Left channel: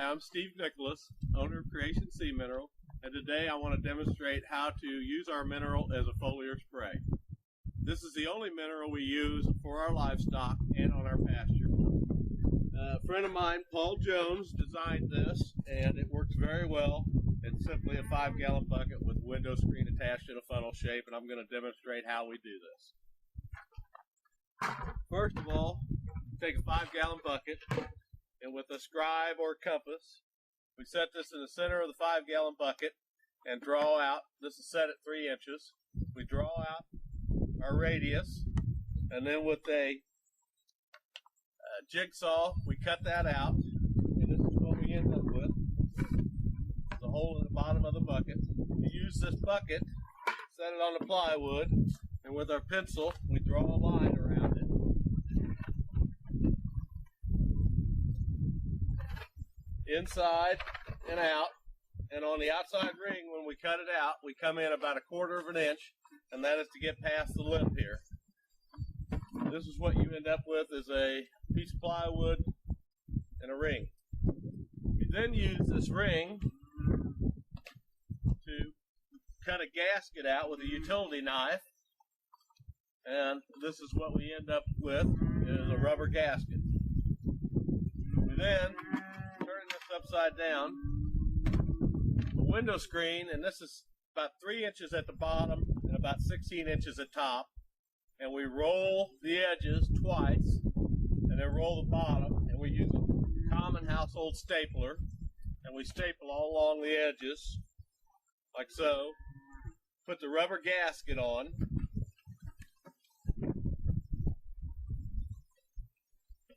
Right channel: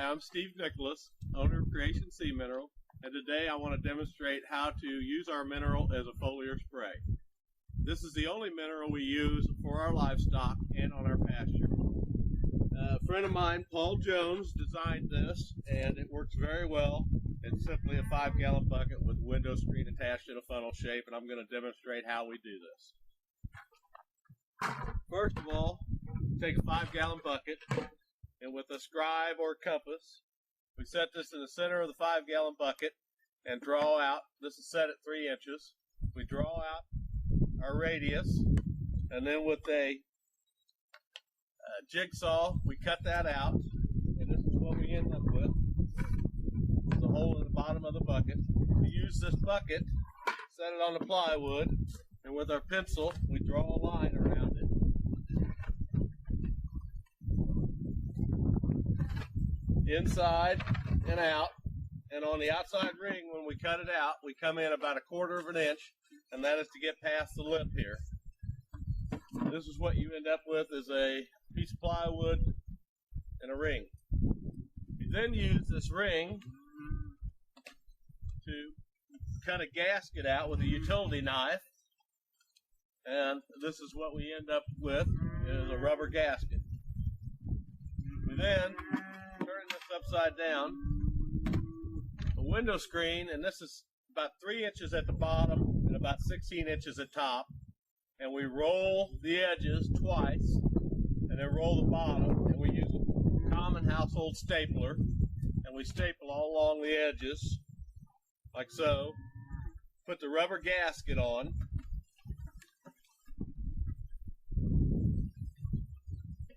I'm Steve Nicholas, owner of Creation Sea Mineral, and today I want to demonstrate how to use our mineral as a foliar spray. This is the only mineral we use for our livestock and on our pasture. A friend of mine, Paul Jones, designed this, and it works very well. It's simply a 5-gallon bucket with a window screen attached in a funnel shape, and I'm going to demonstrate how we do this. First of all, take a 5-gallon bucket, and with a scribe or compass, we set this in the center of the 5-gallon bucket and draw out. This is set at 3 inches. We draw out our radius, and then with a jigsaw, we cut that out, and this is what we end up with. There's a hole in the bottom of the bucket. We use this bucket, set it on the plywood, and with our pencil, we draw a line around it. Inside and out, and on the outside ring, when we cut it out, we come in about 1/4 of an inch, and that is to get past the lip here. This is what you end up with, is a piece of plywood and a ring. We then use this ring to cut a gasket out with a utility knife, and this is what we end up with, is a rubber gasket. We then turn this upside down, a window screen, and this is about 3 inches at the bottom and about 16 inches at top, and we roll the edges twice and then roll the bottom, and we use a common household stapler, and we staple all along the edges like so. Put the rubber gasket on,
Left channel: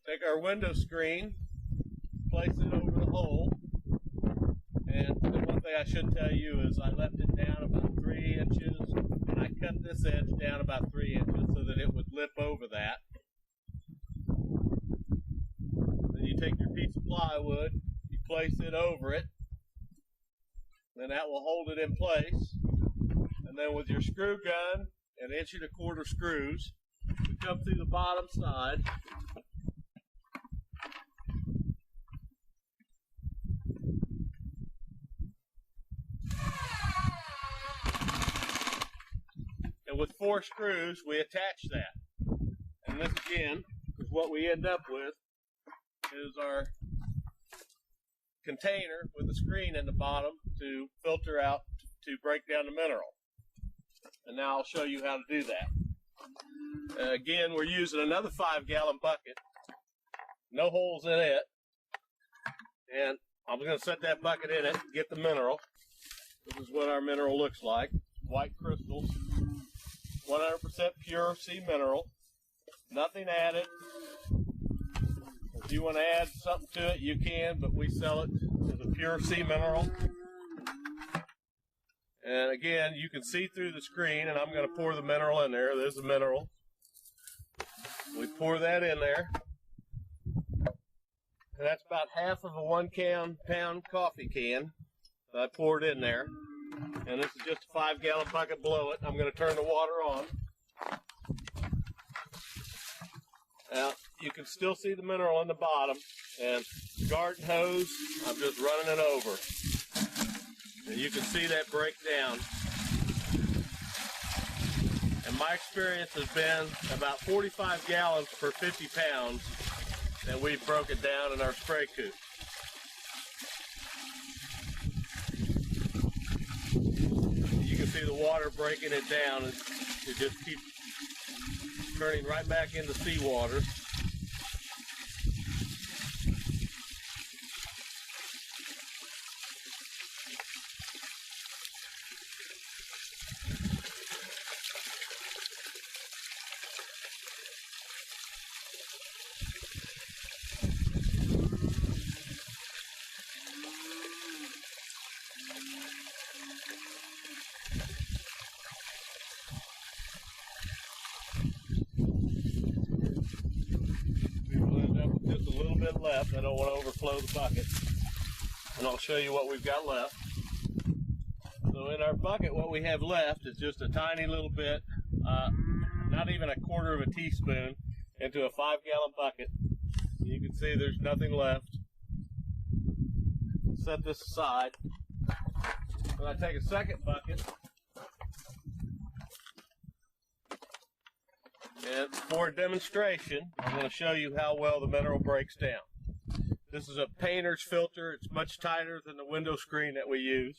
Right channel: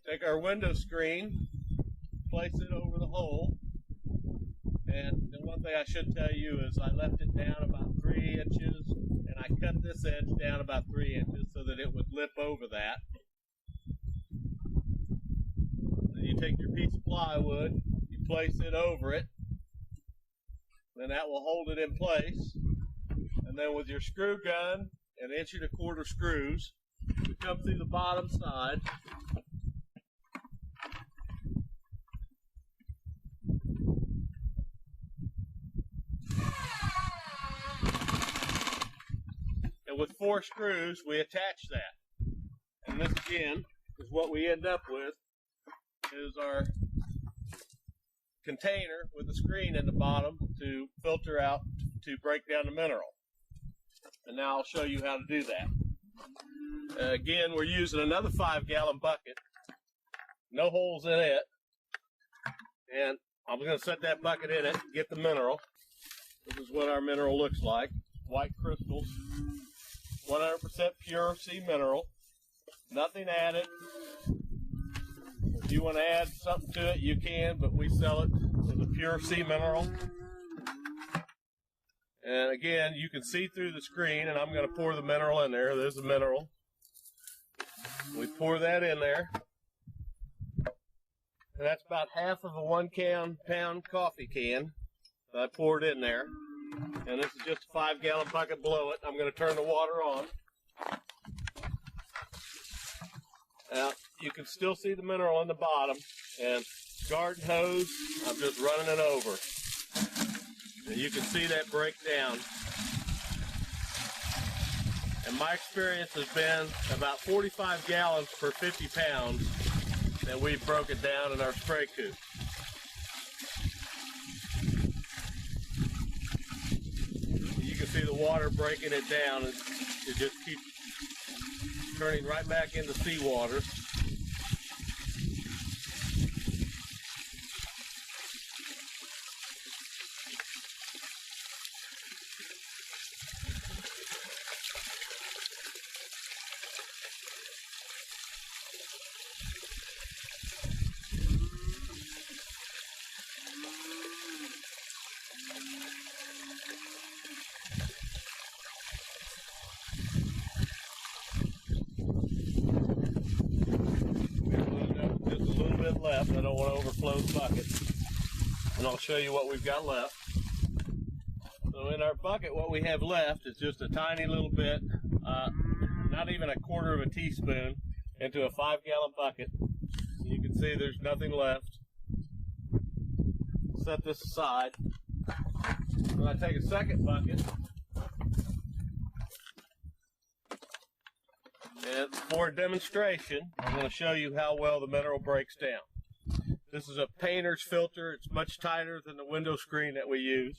take our window screen, place it over the hole, and the one thing I should tell you is I left it down about 3 inches, and I cut this edge down about 3 inches so that it would lip over that. Then you take your piece of plywood, you place it over it, then that will hold it in place, and then with your screw gun and 1 1/4 screws, we come through the bottom side, and with 4 screws, we attach that. And this again is what we end up with, is our container with a screen in the bottom to filter out, to break down the mineral. And now I'll show you how to do that. Again, we're using another 5-gallon bucket, no holes in it. And I'm going to set that bucket in it, get the mineral. This is what our mineral looks like. White crystals. 100% pure sea mineral, nothing added. If you want to add something to it, you can, but we sell it as a pure sea mineral. And again, you can see through the screen, and I'm going to pour the mineral in there. There's the mineral. We pour that in there, and that's about half of a 1-pound coffee can that I poured in there. And this is just a 5-gallon bucket below it. I'm going to turn the water on. Now, you can still see the mineral on the bottom. And the garden hose, I'm just running it over. And you can see that break down. And my experience has been about 45 gallons per 50 pounds that we've broken down in our spray coop. You can see the water breaking it down, and it just keeps turning right back into seawater. Left. I don't want to overflow the bucket, and I'll show you what we've got left. So in our bucket, what we have left is just a tiny little bit, not even 1/4 of a teaspoon, into a 5-gallon bucket. You can see there's nothing left. set this aside. Then I take a second bucket, and for a demonstration, I'm going to show you how well the mineral breaks down. This is a painter's filter. It's much tighter than the window screen that we use.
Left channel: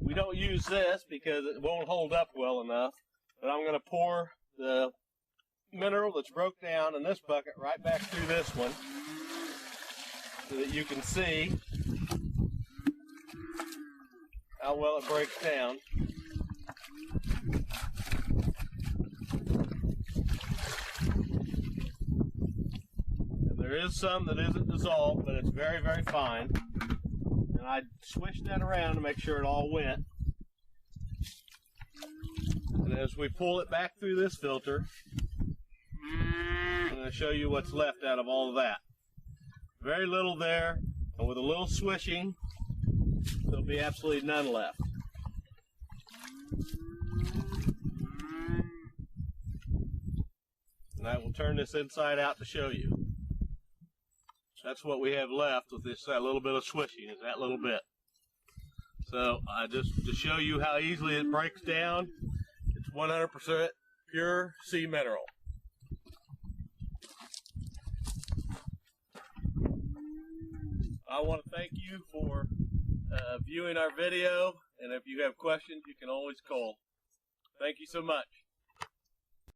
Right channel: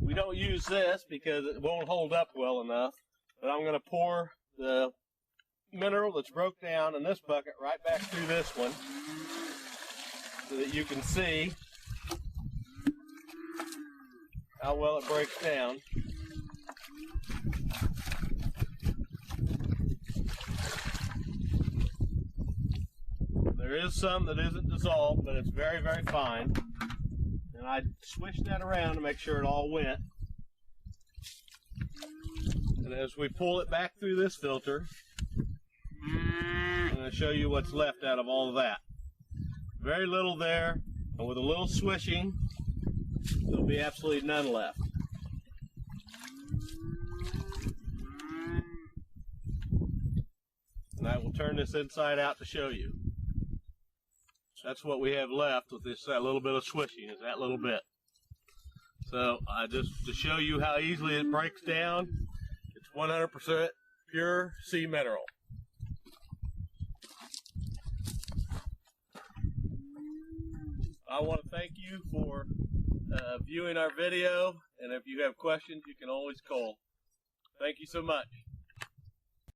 We don't use this because it won't hold up well enough, but I'm going to pour the mineral that's broke down in this bucket right back through this one so that you can see how well it breaks down. There is some that isn't dissolved, but it's very, very fine. And I swish that around to make sure it all went. And as we pull it back through this filter, I'm going to show you what's left out of all of that. Very little there, and with a little swishing, there'll be absolutely none left. And I will turn this inside out to show you. That's what we have left with this, that little bit of swishing, is that little bit. So just to show you how easily it breaks down, it's 100% pure sea mineral. I want to thank you for viewing our video, and if you have questions, you can always call. Thank you so much.